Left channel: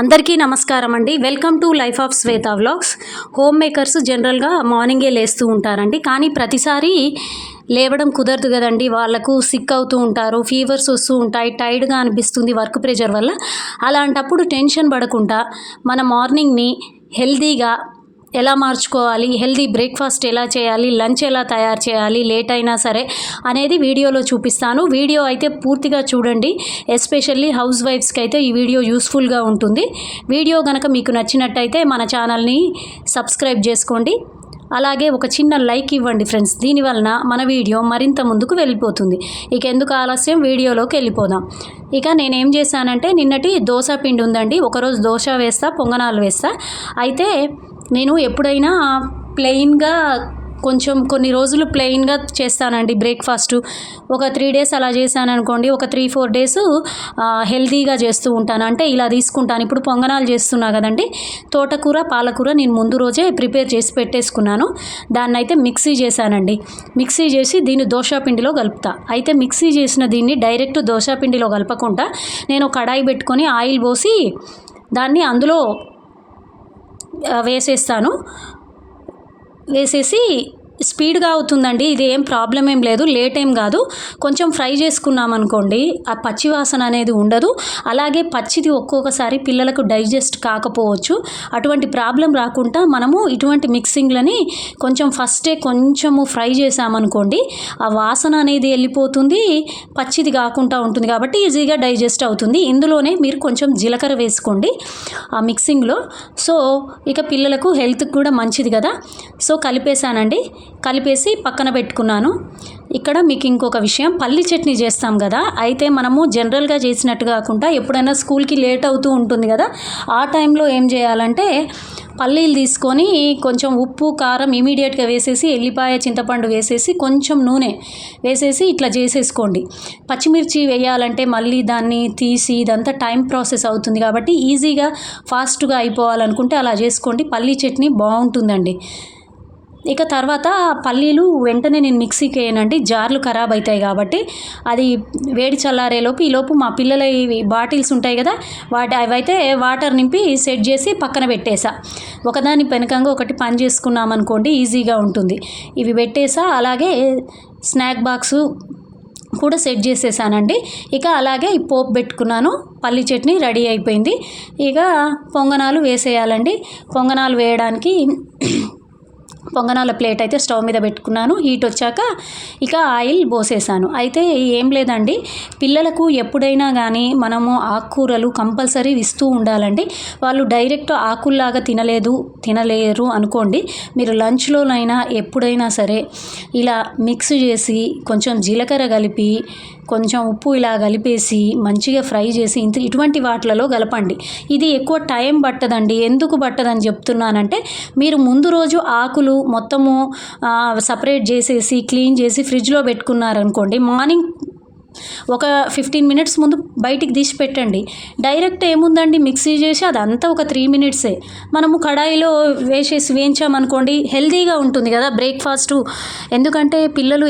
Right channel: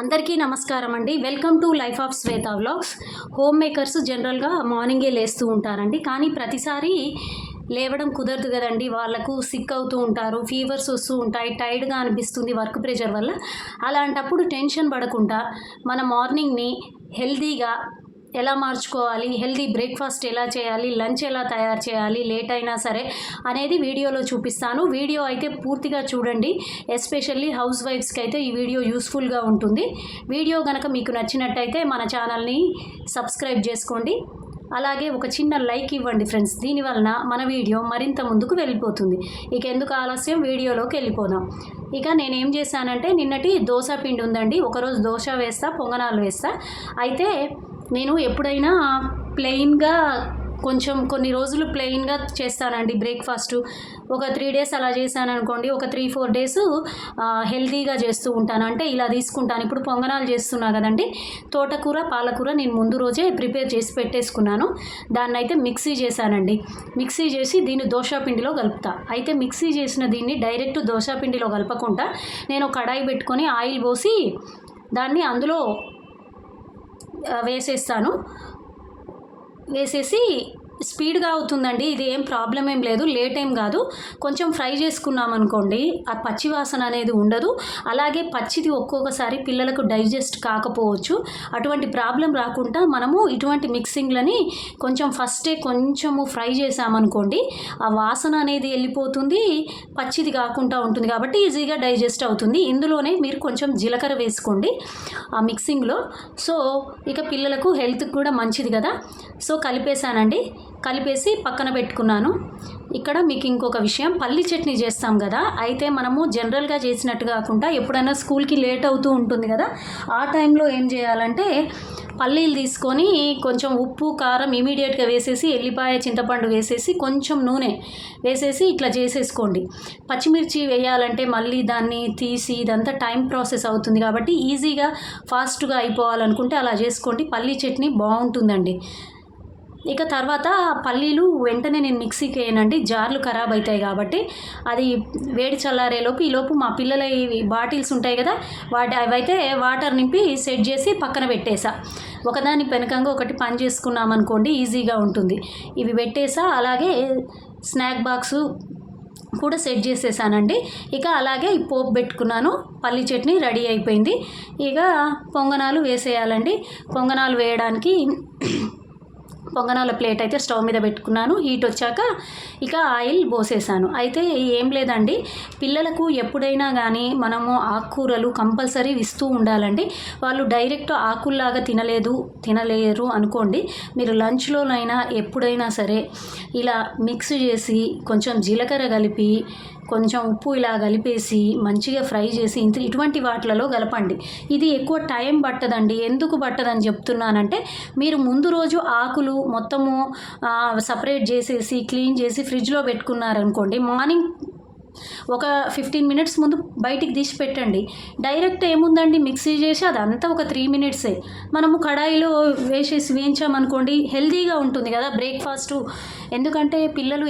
అందరికీ నమస్కారం అండి. Welcome to life of Shweta vlogs. Home makers జనరల్గా మార్నింగే లేస్తూ ఉంటారండి, కానీ ప్రతిసారి లేవడం కుదరదు కదండి. వాళ్ళకు సిక్ అవుతూ ఉంటారు, ఫీవర్స్ వస్తూ ఉంటాయి, టైర్డ్గా అనిపిస్తుంది వర్క్ ప్రెషర్ వల్ల. అలాంటప్పుడు టెన్షన్ పడకుండా మన మార్నింగ్ని హెల్తీగా ఎలా మార్చుకోవాలి, హెల్తీ బ్రేక్ఫాస్ట్ ఎలా చేయాలి, లంచ్ ఎలా తయారు చేయాలి లేట్ అయినా సరే అనేది వీడియోలో చూపిస్తాను. వీడియో అయితే పూర్తిగా చూడండి. ఎస్పెషల్లీ హౌస్ వైఫ్స్కి అయితే ఈ వీడియో యూస్ఫుల్గా ఉంటుంది. వీడియో కనుక మీకు నచ్చినట్టయితే మన ఛానల్ని సబ్స్క్రైబ్ చేసుకోండి. అలాగే ఒక చిన్న లైక్ ఇవ్వండి ఫ్రెండ్స్. దీనివలన మన వీడియో మరింత ముందుకు వెళ్ళిపోతుంది. ఇక ఎందుకు ఆలస్యం, వీడియోలోకి వెళ్ళిపోదాం. ఇక నేనేం చేశానంటే, నిన్నటి దోశ పిండి ఉందండి. ఒకరోజు దోశ వేస్తా, పొంగనాలు వేస్తా. అయితే నేను ఎప్పుడైనా ప్లెయిన్గా కొన్ని రోజులు ప్లెయిన్గా చేస్తానండి బ్రేక్ఫాస్ట్. ఒక 3 డేస్ అలా చేశాను అనుకోండి, ఒక 3-4 డేస్ హెల్తీగా చేస్తూ ఉంటాను. అంటే ఇలా తీసుకుంటాను. ఇప్పుడు పొంగనాలు చేస్తున్నా కదండి, తోటకూర పాలకూర నేను ముందు రోజే ప్రిపేర్ చేసి పెట్టేసుకున్నాను. దాన్ని అయితే మిక్సీ చేశానండి. మిక్సీ చేసి దీన్ని దోశ పిండిలో కలుపుతా. అయితే మిక్సీ చేసిన దీన్ని డైరెక్ట్ దోశ పిండిలో కలపకుండా నేను కడాయి పెట్టుకొని ఆయిల్ పోసి దాన్ని అందులో వేసేసి స్పీడ్గా అవుతుందండి. ఇది ఏం ప్రాబ్లం ఏం లేదు, లేట్ ఏం కాదు. కొంచెం ఫ్రై చేసుకున్నాం అనుకోండి, ఆ పచ్చి వాసన అనేది ఉండదు. అలాగే పచ్చిది ఒక్కొక్కసారి పిల్లలకు డైజెస్ట్ కాకపోవచ్చు. అటువంటి ప్రాబ్లం రాకుండా మనము ఇటువంటి మిక్సింగ్లని ఫస్టే కొంచెము ఫ్రై చేసామనుకోండి, ఆ వాసన అనేది వెళ్ళిపోతుంది, పచ్చిది కాకుండా ఉంటుంది. కాబట్టి ఈజీగా డైజెస్ట్ అవుతుంది. ఇందులోనే మీరు కొంచెం జీలకర్ర వేసుకోండి ఆ మిక్సింగ్లో. సో ఇక పిల్లలకు హెల్త్కి కూడా మంచిది కదా. సో కలిపేశానండి. కలిపేసి పక్కన పెట్టుకున్నాను. ఇక్కడ మీకు ఇంకొక విషయం, పల్లి చట్నీ చేస్తాం కదా. అయితే మనము జనరల్గా చేసినట్టు కాకుండా ఎప్పుడైనా స్కూల్కి లేట్ అవుతూ ఉంటుంది కదా, ఆ టైంలో ఏం చేయాలంటే, పల్లీలు తీసుకొని కొంచెం ఉప్పు కారం ఇమీడియట్గా వేసేసి, ఎల్లిపాయ చింతపండు వేసేసి, కొంచెం నూనె వేసేసి ఇట్లా చేసేసుకోండి. పచ్చిమిర్చి వేయాలంటే మళ్ళీ దాన్ని తీసి ఇదంతా టైం ప్రాసెస్ అవుతుంది. కాబట్టి ఈజీగా ఫాస్ట్గా అయిపోవాలనుకుంటే అలా చేసుకోండి. పల్లీ చట్నీ బాగుంటుందండి. ఇక తర్వాత పల్లీలు వెంటనే నేను మిక్సీకి వేయనండి, జార్లు ఖరాబ్ అవుతాయి కాబట్టి. అది వేడి చల్లారేలోపు ఈలోపు మా పిల్లల బాటిల్స్ ఉంటాయి కదా, అవైతే వాటర్ నింపి సెట్ చేసి పక్కన పెట్టేసా. ఒకదాని వెనకంగా ఒకటి పని చేసుకున్నామనుకోండి, ఈజీగా ఉంటుంది. ఇవి పెట్టేసా. అలాగే స్నాక్ బాక్సు కూడా సెట్ చేసేసానండి. ఇక అలాగే ఈ పోపు పెట్టుకున్నాను. పల్లి చట్నీ రెడీ అయిపోయింది. ఇక పొంగనాలు వేసేయాలండి. పొంగనాలు వేయడానికి పొంగనాల ప్లేట్ అయితే స్టవ్ మీద పెట్టుకున్నాను. హీట్ వచ్చాక ఇక ఆయిల్ పోసేసాను. అయితే ఏం లేదండి, పిల్లలకు ఎప్పుడైనా కానీ మనము ఆకుకూరలు కంపల్సరీ ఇస్తూ ఉండాలండి. వాళ్ళు డైరెక్ట్ ఆకుల్లాగా తినలేరు అనుకోండి, మీరు లంచ్లోనైనా ఎప్పుడైనా సరే ఇలా మిక్స్ చేసి కొంచెం జీలకర్ర కలిపి కొంచెం ఉప్పు ఇలా కలిపేసి మంచిగా ఫ్రై చేసి ఇటువంటి వాటిలలో కలపండి. ఇది ఎక్కువ టైం పట్టదండి. ఎందుకు పట్టదని చెప్తున్నానంటే, మీరు ముందు రోజు ఆకులు మొత్తము సపరేట్ చేసేసి క్లీన్ చేసి ఫ్రిడ్జ్లో పెట్టుకున్నారనుకోండి, మార్నింగ్ ఒక 15 మినిట్స్ ముందు బయటికి తీసి పెట్టండి. డైరెక్ట్ ఏముందండి, మిక్సీ చేసి అదంతా ఒక 3 మినిట్సే. మనము కడాయిలో వేయించామనుకోండి, హెల్తీగా ఉంటుంది కదా బ్రేక్ఫాస్టు. ఎందుకంటే పిల్లలు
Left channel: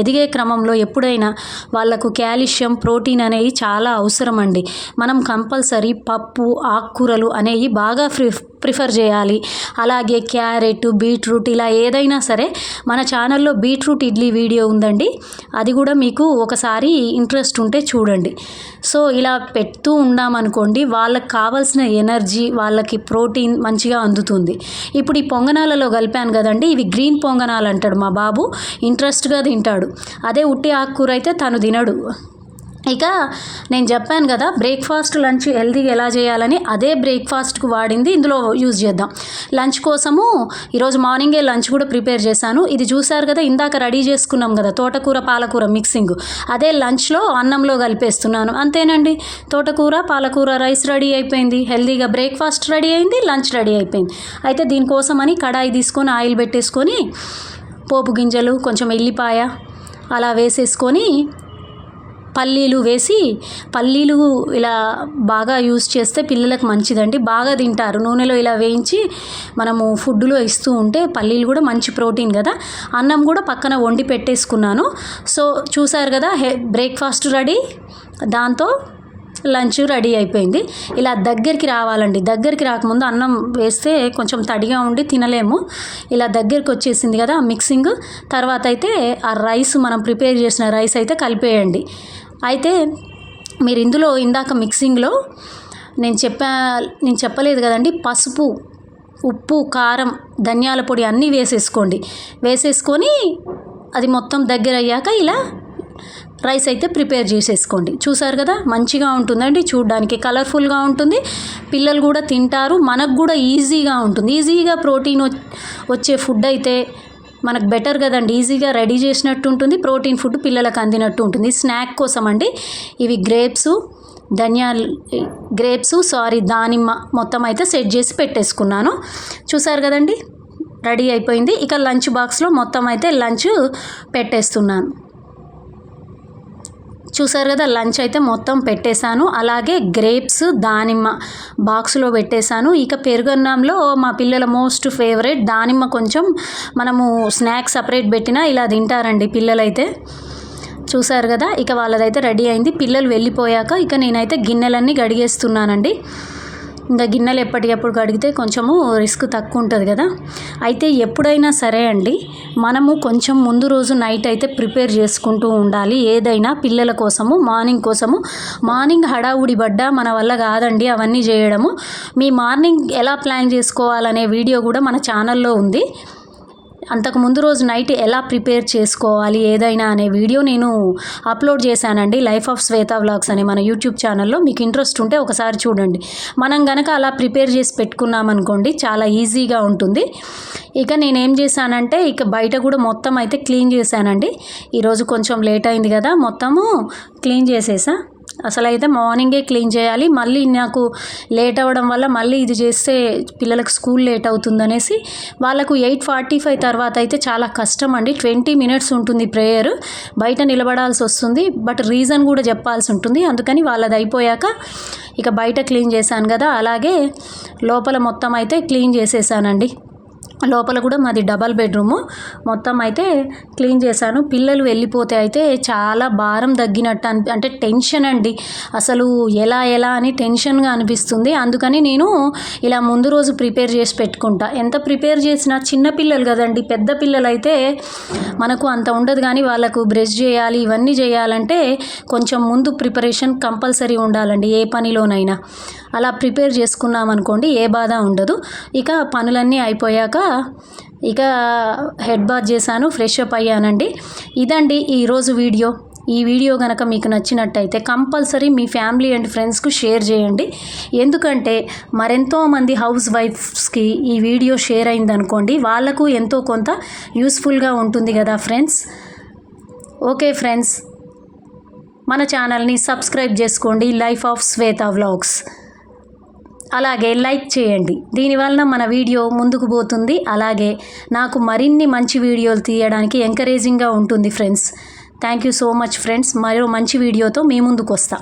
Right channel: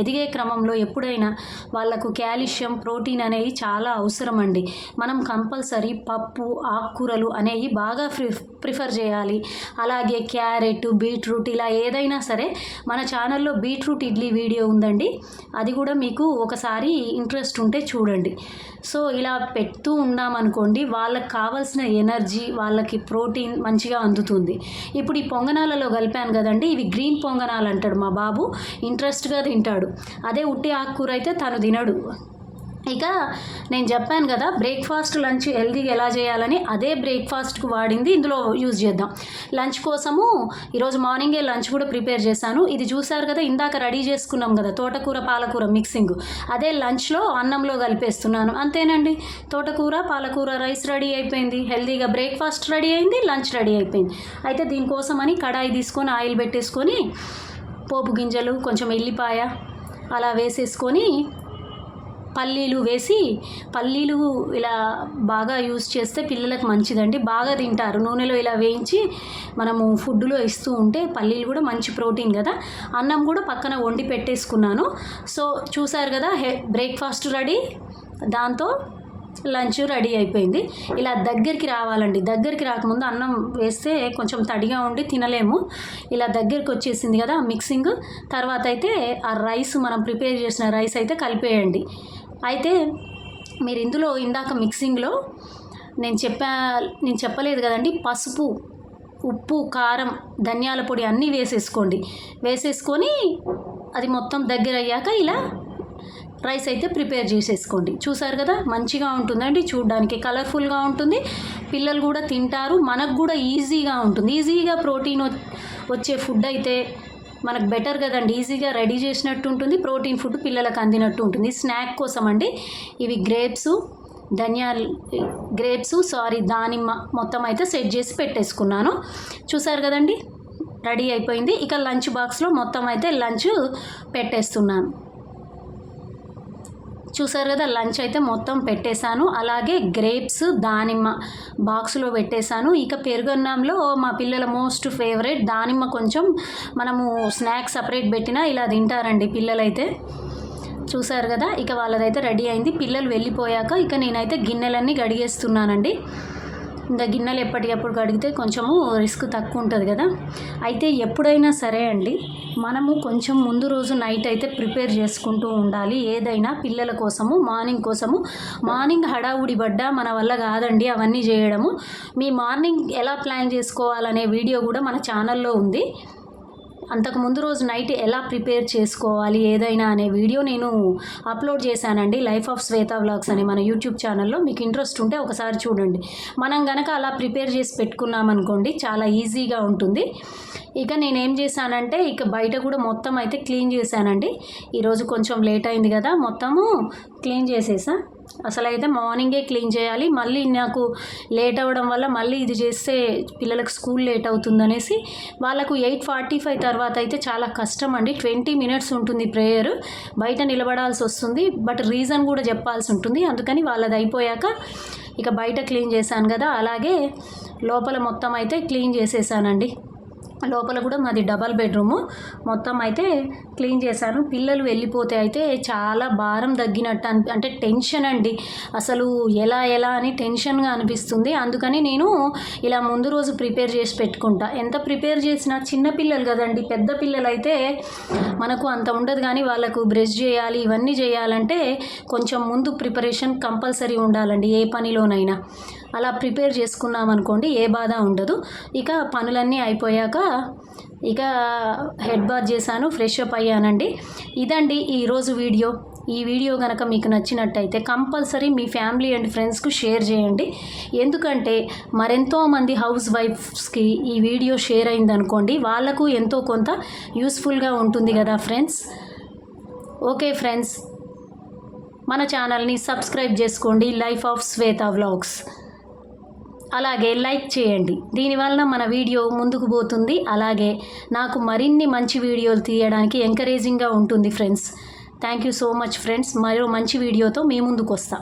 ఎదిగే క్రమంలో ఎప్పుడైనా వాళ్ళకు కాల్షియం ప్రోటీన్ అనేవి చాలా అవసరం అండి. మనం కంపల్సరీ పప్పు ఆకుకూరలు అనేవి బాగా ప్రిఫర్ చేయాలి. అలాగే క్యారెట్ బీట్రూట్ ఇలా ఏదైనా సరే, మన ఛానల్లో బీట్రూట్ ఇడ్లీ వీడియో ఉందండి, అది కూడా మీకు ఒకసారి ఇంట్రెస్ట్ ఉంటే చూడండి. సో ఇలా పెడుతూ ఉన్నామనుకోండి, వాళ్ళకి కావాల్సిన ఎనర్జీ, వాళ్ళకి ప్రోటీన్ మంచిగా అందుతుంది. ఇప్పుడు ఈ పొంగనాలలో కలిపాను కదండి, ఇవి గ్రీన్ పొంగనాలు అంటాడు మా బాబు, ఇంట్రెస్ట్గా తింటాడు. అదే ఉట్టి ఆకుకూర అయితే తను తినడు. ఇక నేను చెప్పాను కదా బ్రేక్ఫాస్ట్ లంచ్ హెల్తీగా ఎలా చేయాలని, అదే బ్రేక్ఫాస్ట్కు వాడింది ఇందులో యూజ్ చేద్దాం. లంచ్ కోసము ఈరోజు మార్నింగే లంచ్ కూడా ప్రిపేర్ చేశాను. ఇది చూసారు కదా, ఇందాక రెడీ చేసుకున్నాం కదా తోటకూర పాలకూర మిక్సింగ్, అదే లంచ్లో అన్నంలో కలిపేస్తున్నాను. అంతేనండి, తోటకూర పాలకూర రైస్ రెడీ అయిపోయింది. హెల్తీగా బ్రేక్ఫాస్ట్ రెడీ అయింది, లంచ్ రెడీ అయిపోయింది. అయితే దీనికోసమని కడాయి తీసుకొని ఆయిల్ పెట్టేసుకొని పోపు గింజలు కొంచెం ఎల్లిపాయ అలా వేసేసుకొని పల్లీలు వేసి, పల్లీలు ఇలా బాగా యూజ్ చేస్తే పిల్లలకు మంచిదండి, బాగా తింటారు. నూనెలో ఇలా వేయించి మనము ఫుడ్లో ఇస్తూ ఉంటే పల్లీలు కూడా మంచి ప్రోటీన్ కదా. అన్నం కూడా పక్కన వండి పెట్టేసుకున్నాను. సో చూసారు కదా, బ్రేక్ఫాస్ట్ రెడీ. దాంతో లంచ్ రెడీ అయిపోయింది. ఇలా దగ్గరికి రావాలండి. దగ్గరికి రాకముందు అన్నం వేస్తే కొంచెం తడిగా ఉండి తినలేము. ఇలా దగ్గరికి వచ్చేసింది కదా మిక్సింగ్. తర్వాత అయితే ఆ రైస్ మనం ప్రిపేర్ చేసిన రైస్ అయితే కలిపేయండి. అయితే మీరు ఇందులో ఇందాక మిక్సింగ్లో నేను చెప్పలేదు కదండి, పసుపు, ఉప్పు, కారం, ధనియాల పొడి అన్నీ వేసేసుకొని అది మొత్తం దగ్గర అయ్యాక ఇలా రైస్ అయితే ప్రిపేర్ చేసేసుకోండి. చూసారు కదా, మంచిగా ఉంటుందండి, చూడడానికి కలర్ఫుల్గా ఉంటుంది, పిల్లలు కూడా తింటారు, మనకు కూడా ఈజీగా ఉంటుంది. ఈజీగా ప్రోటీన్ వచ్చే ఫుడ్ అయితే మనకు బెటర్ కదండి. ఈజీగా రెడీ చేసినట్టు ఉంటుంది, ప్రోటీన్ ఫుడ్ పిల్లలకు అందినట్టు ఉంటుంది. స్నాక్ కోసం అండి ఇవి దానిమ్మ మొత్తం అయితే సెట్ చేసి పెట్టేసుకున్నాను. చూసారు కదండి, రెడీ అయిపోయింది. ఇక లంచ్ బాక్స్లో మొత్తం అయితే లంచ్ పెట్టేస్తున్నాను. చూసారు కదా, లంచ్ అయితే మొత్తం పెట్టేశాను. అలాగే గ్రేప్స్, దానిమ్మ బాక్స్లో పెట్టేశాను. ఇక పెరుగన్నంలో మా పిల్లల మోస్ట్ ఫేవరెట్ దానిమ్మ. కొంచెం మనము స్నాక్స్ సపరేట్ పెట్టినా ఇలా తింటారండి పిల్లలైతే. చూసారు కదా, ఇక వాళ్ళదైతే రెడీ అయింది. పిల్లలు వెళ్ళిపోయాక ఇక నేనైతే గిన్నెలన్నీ కడిగేస్తున్నానండి. ఇంకా గిన్నెలు ఎప్పటికప్పుడు కడిగితే కొంచెము రిస్క్ తక్కువ ఉంటుంది కదా. అయితే ఎప్పుడైనా సరే అండి, మనము కొంచెం ముందు రోజు నైట్ అయితే ప్రిపేర్ చేసుకుంటూ ఉండాలి. ఏదైనా పిల్లల కోసము, మార్నింగ్ హడావుడి పడ్డా మన వల్ల కాదండి అవన్నీ చేయడము. మీ మార్నింగ్ ఎలా ప్లాన్ చేసుకోవాలనే వీడియో కూడా మన ఛానల్లో ఉంది. అంతకు ముందు రోజు నైట్ ఎలా ప్రిపేర్ చేసుకోవాలి ఏదైనా అనే వీడియో నేను అప్లోడ్ చేశానండి, లైఫ్ ఆఫ్ శ్వేత వ్లాగ్స్ అని మన యూట్యూబ్ ఛానల్లో. మీకు ఇంట్రెస్ట్ ఉంటే ఒకసారి చూడండి. మనం గనక అలా ప్రిపేర్ చేసి పెట్టుకున్నామనుకోండి చాలా ఈజీగా ఉంటుంది. ఇక నేనేం చేశానంటే ఇక బయట కూడా మొత్తం అయితే క్లీన్ చేశానండి. ఈరోజు కొంచెం లేట్ అయింది కదా, మొత్తము క్లీన్ చేసేసా. అసలు అయితే మార్నింగే క్లీన్ చేయాలి. మళ్ళీ నాకు లేట్ అవ్వడం వల్ల మళ్ళీ ఇది చేస్తే పిల్లలకు స్కూల్ లేట్ అవుతుందనేసి వాళ్ళకు 8:45 తర్వాత అయితే చాలా కష్టం అండి. 20 minutes ఉంటుంది ప్రేయర్, బయట నిలబడాల్సి వస్తుంది. బట్ రీజన్ కూడా చెప్పాల్సి ఉంటుంది. అందుకని వాళ్ళది అయిపోయాక ఇక బయట క్లీన్ చేశాను కదా, అలాగే లోపల మొత్తం అయితే క్లీన్ చేసేసానండి. లోపల కూడా మాది డబల్ బెడ్రూము, మొత్తం అయితే క్లీన్ చేశాను. పిల్లలు వెళ్ళిపోతే అయితే చాలా భారం తగ్గినట్టు అంటే టెన్షన్ అండి, అసలు ఎలా అని టెన్షన్గా అనిపిస్తుంది. అందుకని నేను ఇలా ముందు రోజు ప్రిపేర్ చేసి పెట్టుకుంటా. ఎంత ప్రిపేర్ చేసినా చిన్న పిల్లలు కదండి, పెద్ద పిల్లలు అయితే మనకు అంత ఉండదు. కానీ వాళ్ళకు బ్రష్ చేయాలి, ఇవన్నీ చేయాలంటే కొంచెం ముందు ప్రిపరేషన్ కంపల్సరీ ఉండాలండి ఏ పనిలోనైనా. అలా ప్రిపేర్ చేసుకున్నామనుకోండి ఏ బాధ ఉండదు. ఇక పనులన్నీ అయిపోయాక ఇక హెడ్ బాత్ చేశాను, ఫ్రెష్ అప్ అయ్యానండి. ఇదండి ఈరోజు వీడియో. ఈ వీడియో కనుక మీకు నచ్చినట్టయితే కంపల్సరీ మీ ఫ్యామిలీ అండ్ ఫ్రెండ్స్కు షేర్ చేయండి. ఎందుకంటే మరెంతోమంది హౌస్ వైఫ్స్కి ఈ వీడియో షేర్ అయిందనుకోండి, వాళ్ళకు ఎంతో కొంత యూస్ఫుల్గా ఉంటుంది కదా ఫ్రెండ్స్. ఓకే ఫ్రెండ్స్, మన ఛానల్ని సబ్స్క్రైబ్ చేసుకోండి, లైఫ్ ఆఫ్ శ్వేత వ్లాగ్స్. అలాగే లైక్ చేయండి, దీనివల్ల మన వీడియో ముందుకు పోతుంది. అలాగే నాకు మరిన్ని మంచి వీడియోలు తీయడానికి ఎంకరేజింగ్గా ఉంటుంది friends. Thank you so much friends. మరో మంచి వీడియోతో మీ ముందుకు వస్తా.